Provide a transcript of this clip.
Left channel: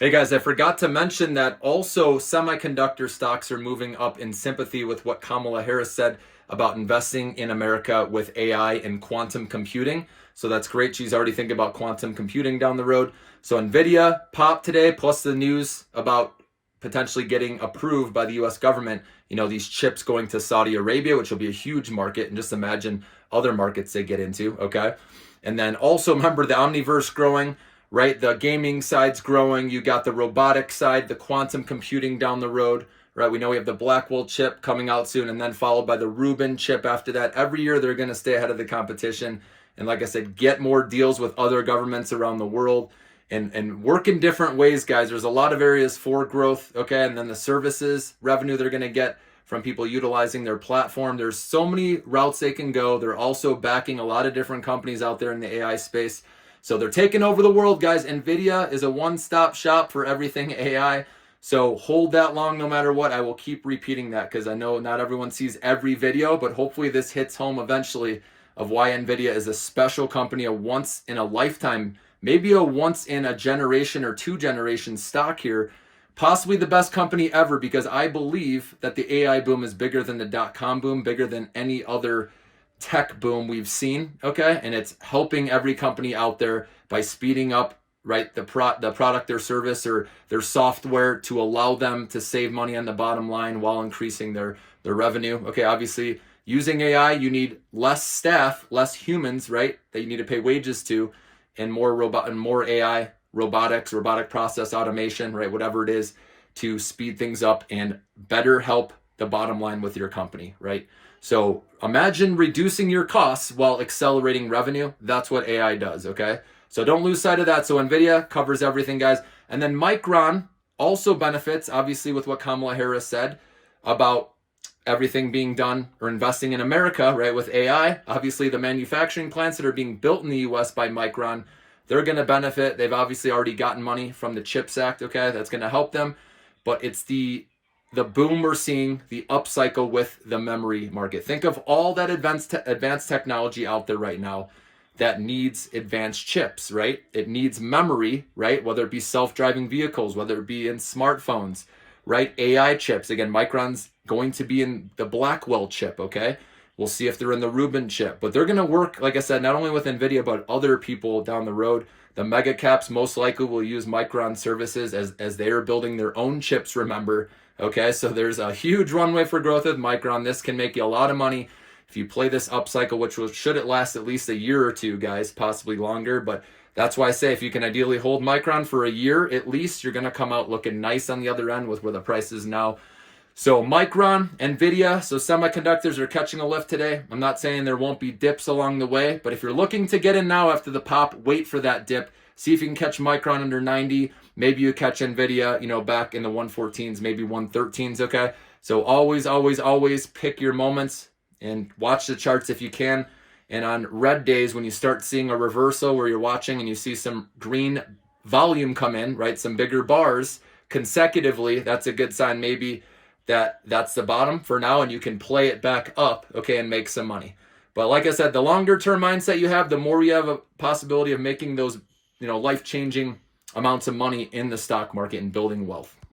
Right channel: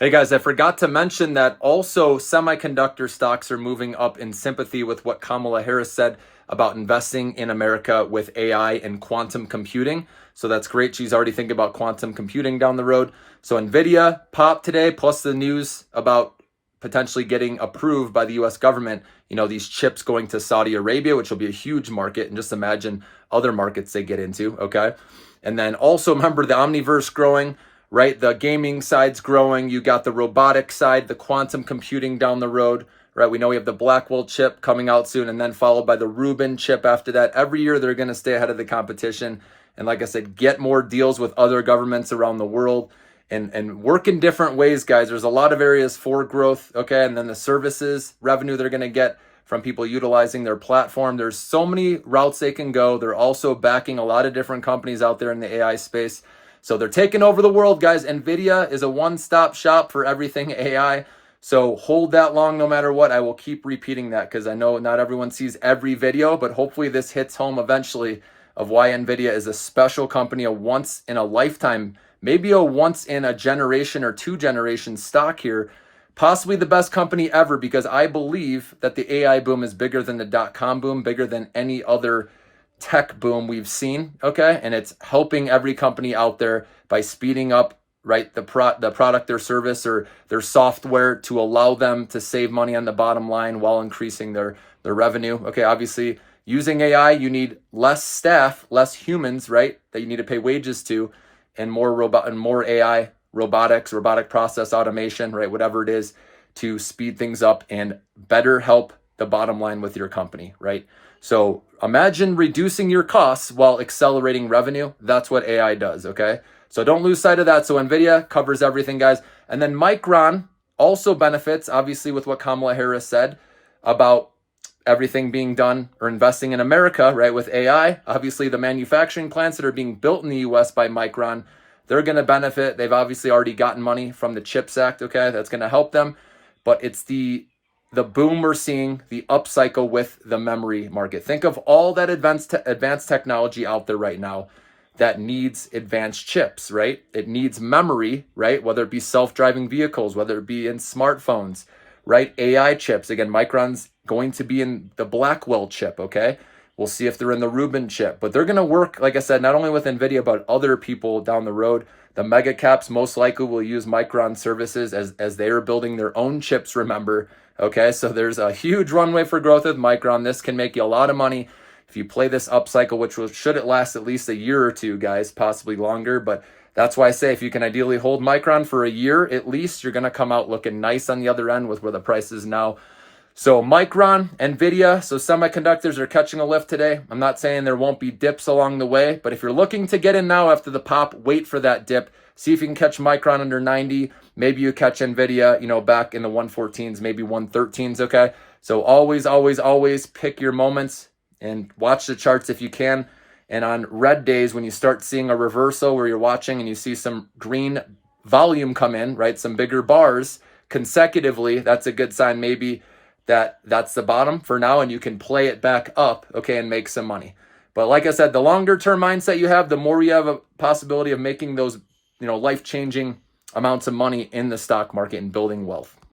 Hey guys, I forgot to mention that also semiconductor stocks are moving up in sympathy with what Kamala Harris said about investing in America with AI and quantum computing. So that's great. She's already thinking about quantum computing down the road. So Nvidia popped today, plus the news about potentially getting approved by the US government, these chips going to Saudi Arabia, which will be a huge market. And just imagine other markets they get into, okay? And then also remember the Omniverse growing, right? The gaming side's growing. You got the robotic side, the quantum computing down the road, right? We know we have the Blackwell chip coming out soon, and then followed by the Rubin chip after that. Every year they're going to stay ahead of the competition. And like I said, get more deals with other governments around the world and work in different ways, guys. There's a lot of areas for growth, okay? And then the services revenue they're going to get from people utilizing their platform. There's so many routes they can go. They're also backing a lot of different companies out there in the AI space. So they're taking over the world, guys. Nvidia is a one-stop shop for everything AI. So hold that long no matter what. I will keep repeating that because I know not everyone sees every video, but hopefully this hits home eventually of why Nvidia is a special company, a once in a lifetime, maybe a once in a generation or two generations stock here. Possibly the best company ever, because I believe that the AI boom is bigger than the dot-com boom, bigger than any other tech boom we've seen, okay? And it's helping every company out there by speeding up, right, the product, their service, or their software to allow them to save money on the bottom line while increasing their revenue. Okay, obviously, using AI, you need less staff, less humans, right, that you need to pay wages to, and more AI, robotic process automation, right, whatever it is, to speed things up and better help the bottom line with your company, right? So imagine reducing your costs while accelerating revenue. That's what AI does, okay? So don't lose sight of that. So Nvidia covers everything, guys. And then Micron also benefits, obviously, with what Kamala Harris said about everything being done or investing in America, right, with AI. Obviously, the manufacturing plants that are being built in the US by Micron, they're going to benefit. They've obviously already gotten money from the CHIPS Act, okay? That's going to help them. But it's the boom we're seeing, the upcycle with the memory market. Think of all that advanced technology out there right now that needs advanced chips, right? It needs memory, right? Whether it be self-driving vehicles, whether it be in smartphones, right? AI chips. Again, Micron's going to be in the Blackwell chip, okay? We'll see if they're in the Rubin chip. But they're going to work, like I said, not only with NVIDIA, but other people down the road. The mega caps most likely will use Micron services as they are building their own chips, remember. Okay, so there's a huge runway for growth with Micron. This can make you a lot of money if you play this upcycle, which should it last at least a year or two, guys, possibly longer. But that's why I say if you can ideally hold Micron for a year at least, you're going to come out looking nice on the other end with where the price is now. So Micron, Nvidia, so semiconductors are catching a lift today. I'm not saying there won't be dips along the way, but if you're looking to get in now after the pop, wait for that dip. See if you can catch Micron under 90. Maybe you catch Nvidia, back in the 114s, maybe 113s, okay? So always pick your moments and watch the charts if you can. And on red days, when you start seeing a reversal where you're watching and you see some green volume come in, right, some bigger bars consecutively, that's a good sign maybe that's the bottom for now, and you can play it back up, okay, and make some money. But like I said, the longer term mindset you have, the more you have a possibility of making those, life-changing amounts of money in the stock market and building wealth.